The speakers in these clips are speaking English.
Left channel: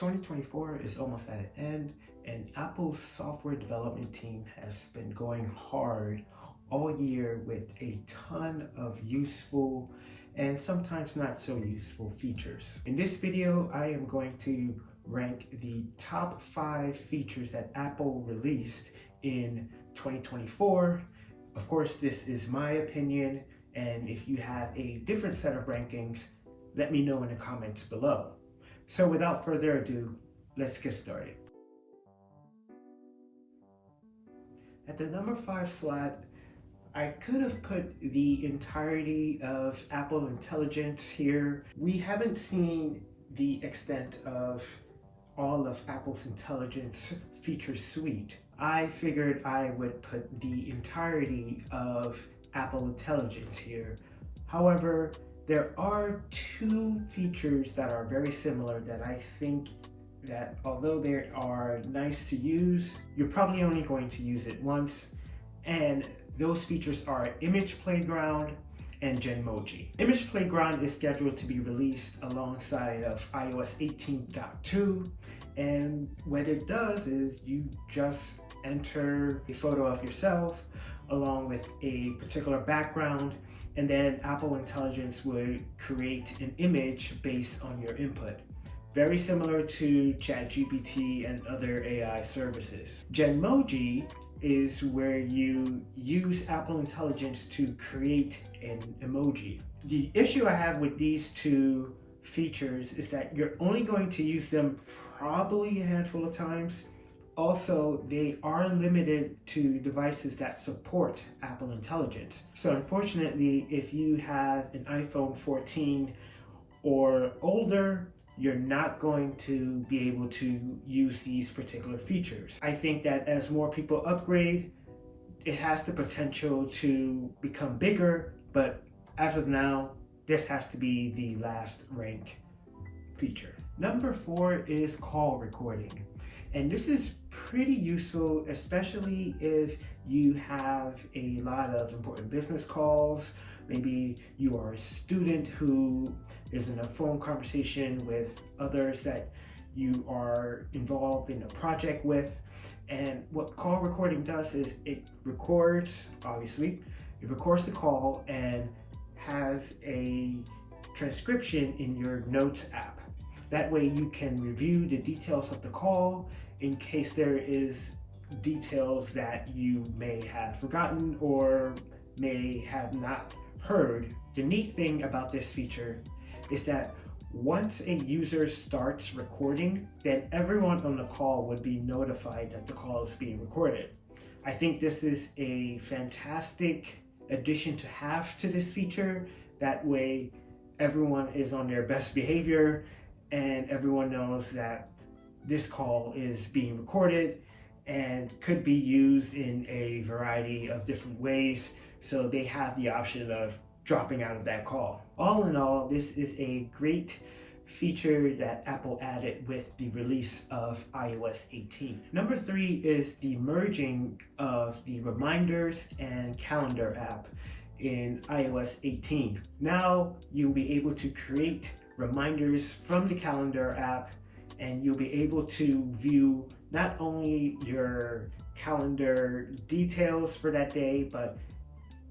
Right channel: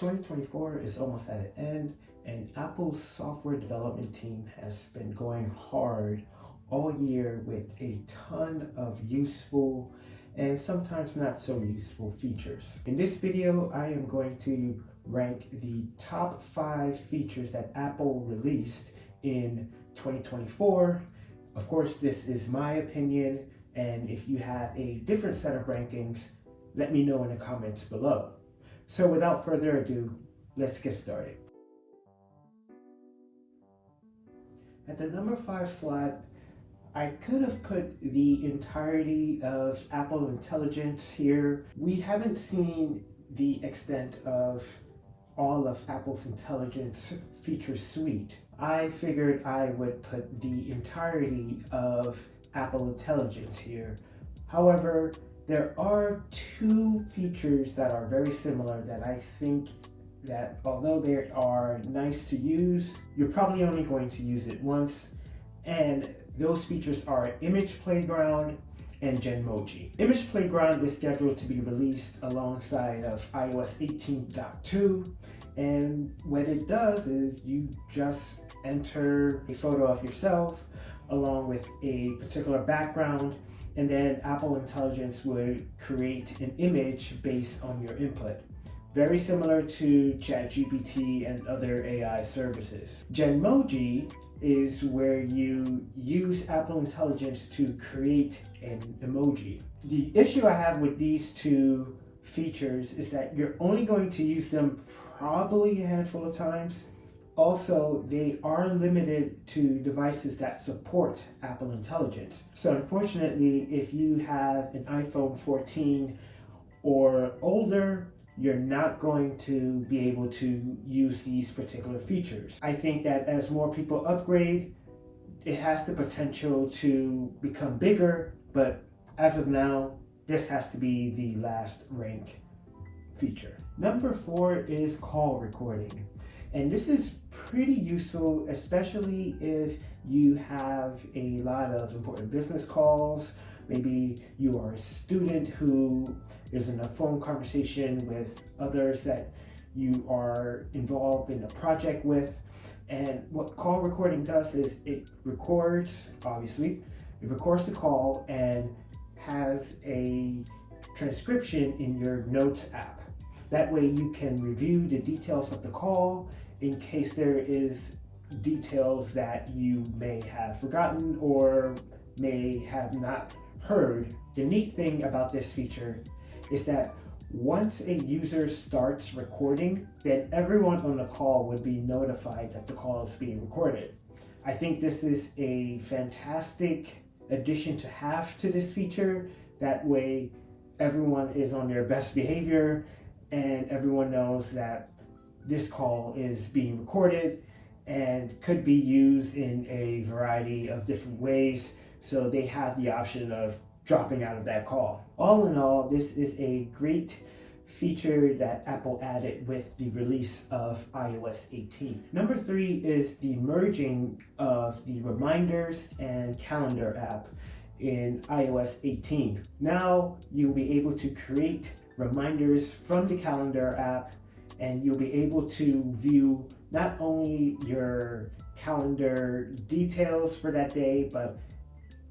2024 is almost at an end, and Apple's software development team has been going hard all year with a ton of useful and sometimes not so useful features. In this video, I am going to rank the top 5 features that Apple released in 2024. Of course, this is my opinion, and if you have a different set of rankings, let me know in the comments below. So without further ado, let's get started. At the number 5 slot, I could have put the entirety of Apple Intelligence here. We haven't seen the extent of all of Apple's Intelligence feature suite. I figured I would put the entirety of Apple Intelligence here. However, there are 2 features that are very similar that I think that although they are nice to use, you're probably only going to use it once. And those features are Image Playground and Genmoji. Image Playground is scheduled to be released alongside of iOS 18.2. And what it does is you just enter a photo of yourself along with a particular background, and then Apple Intelligence would create an image based on your input. Very similar to ChatGPT and other AI services. Genmoji is where you use Apple Intelligence to create an emoji. The issue I have with these 2 features is that you're only going to use them probably a handful of times. Also, they are limited to devices that support Apple Intelligence. So unfortunately, if you have an iPhone 14 or older, you're not going to be able to use these particular features. I think that as more people upgrade, it has the potential to become bigger, but as of now, this has to be the last rank feature. Number 4 is call recording. And this is pretty useful, especially if you have a lot of important business calls. Maybe you are a student who is in a phone conversation with others that you are involved in a project with. And what call recording does is it records, obviously, it records the call and has a transcription in your Notes app. That way you can review the details of the call in case there is details that you may have forgotten or may have not heard. The neat thing about this feature is that once a user starts recording, then everyone on the call would be notified that the call is being recorded. I think this is a fantastic addition to have to this feature. That way everyone is on their best behavior and everyone knows that this call is being recorded and could be used in a variety of different ways, so they have the option of dropping out of that call. All in all, this is a great feature that Apple added with the release of iOS 18. Number 3 is the merging of the Reminders and Calendar app in iOS 18. Now you'll be able to create reminders from the Calendar app, and you'll be able to view not only your calendar details for that day, but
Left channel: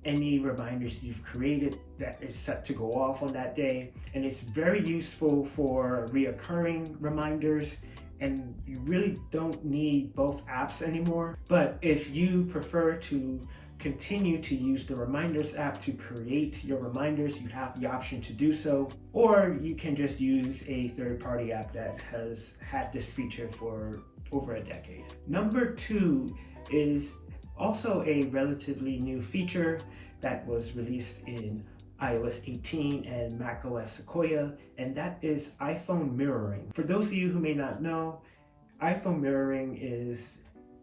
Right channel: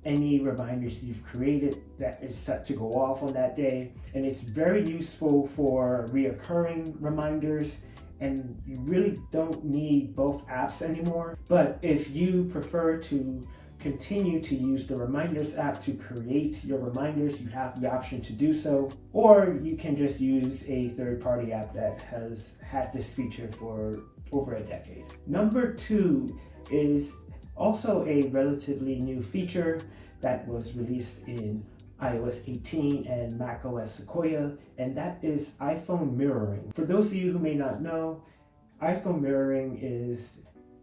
any reminders you've created that is set to go off on that day. And it's very useful for reoccurring reminders, and you really don't need both apps anymore. But if you prefer to continue to use the Reminders app to create your reminders, you have the option to do so, or you can just use a third-party app that has had this feature for over a decade. Number 2 is also a relatively new feature that was released in iOS 18 and macOS Sequoia, and that is iPhone mirroring. For those of you who may not know, iPhone mirroring is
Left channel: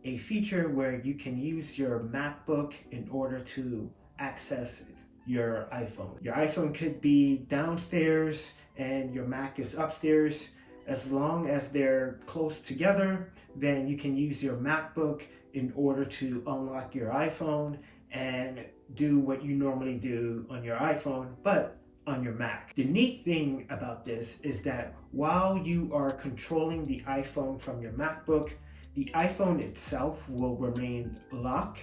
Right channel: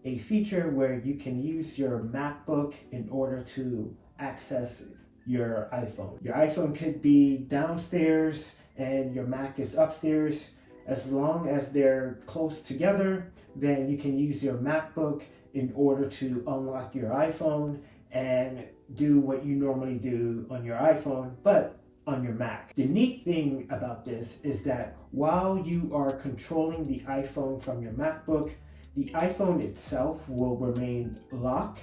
a feature where you can use your MacBook in order to access your iPhone. Your iPhone could be downstairs and your Mac is upstairs. As long as they're close together, then you can use your MacBook in order to unlock your iPhone and do what you normally do on your iPhone, but on your Mac. The neat thing about this is that while you are controlling the iPhone from your MacBook, the iPhone itself will remain locked.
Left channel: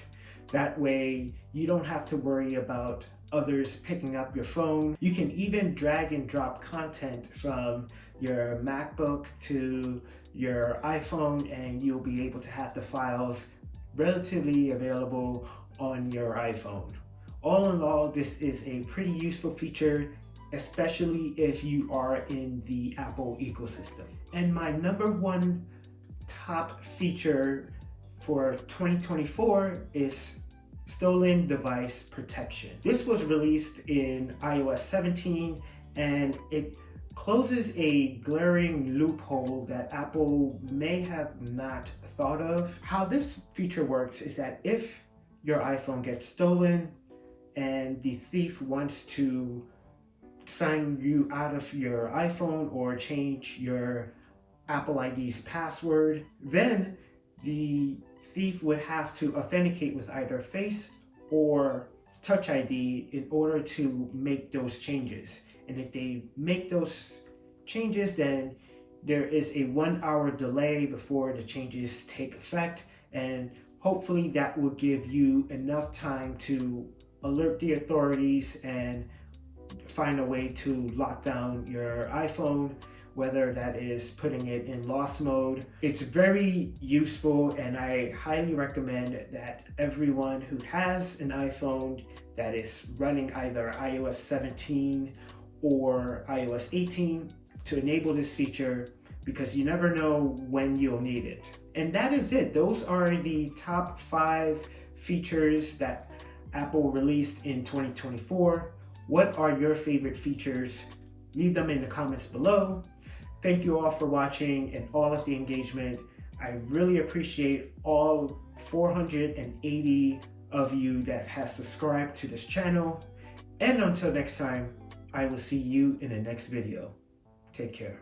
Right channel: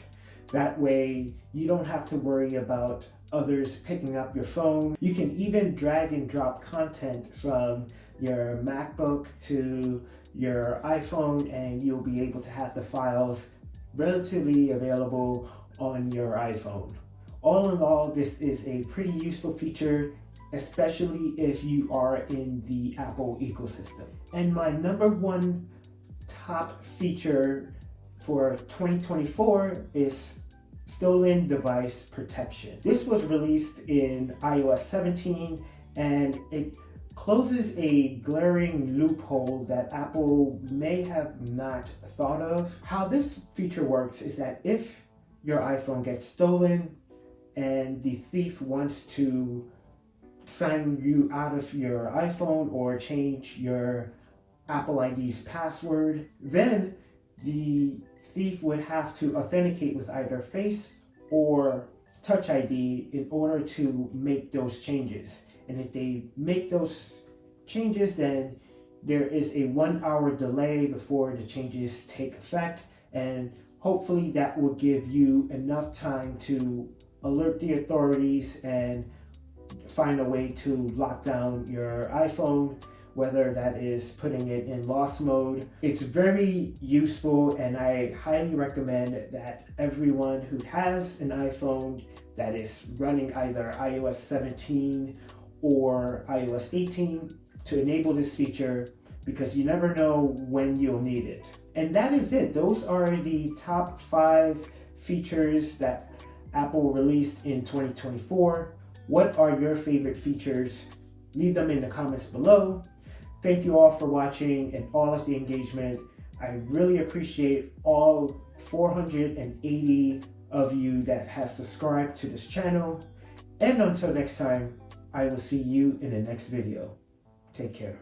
That way you don't have to worry about others picking up your phone. You can even drag and drop content from your MacBook to your iPhone, and you'll be able to have the files relatively available on your iPhone. All in all, this is a pretty useful feature, especially if you are in the Apple ecosystem. And my number one top feature for 2024 is stolen device protection. This was released in iOS 17, and it closes a glaring loophole that Apple may have not thought of. How this feature works is that if your iPhone gets stolen and the thief wants to sign you out of your iPhone or change your Apple ID's password, then the thief would have to authenticate with either Face or Touch ID in order to make those changes. And if they make those changes, then there is a 1 hour delay before the changes take effect, and hopefully that will give you enough time to alert the authorities and find a way to lock down your iPhone, whether that is putting it in lost mode. It's very useful, and I highly recommend that everyone who has an iPhone that is running either iOS 17 or iOS 18 to enable this feature, because you never know when you'll need it. And that is it. Those are the top 5 features that Apple released in 2024. What are your favorite features? Leave them in the comments below. Thank you all for watching and all of the engagement. I really appreciate all 480 of you that has subscribed to this channel. And until next time, I will see you in the next video. Take care.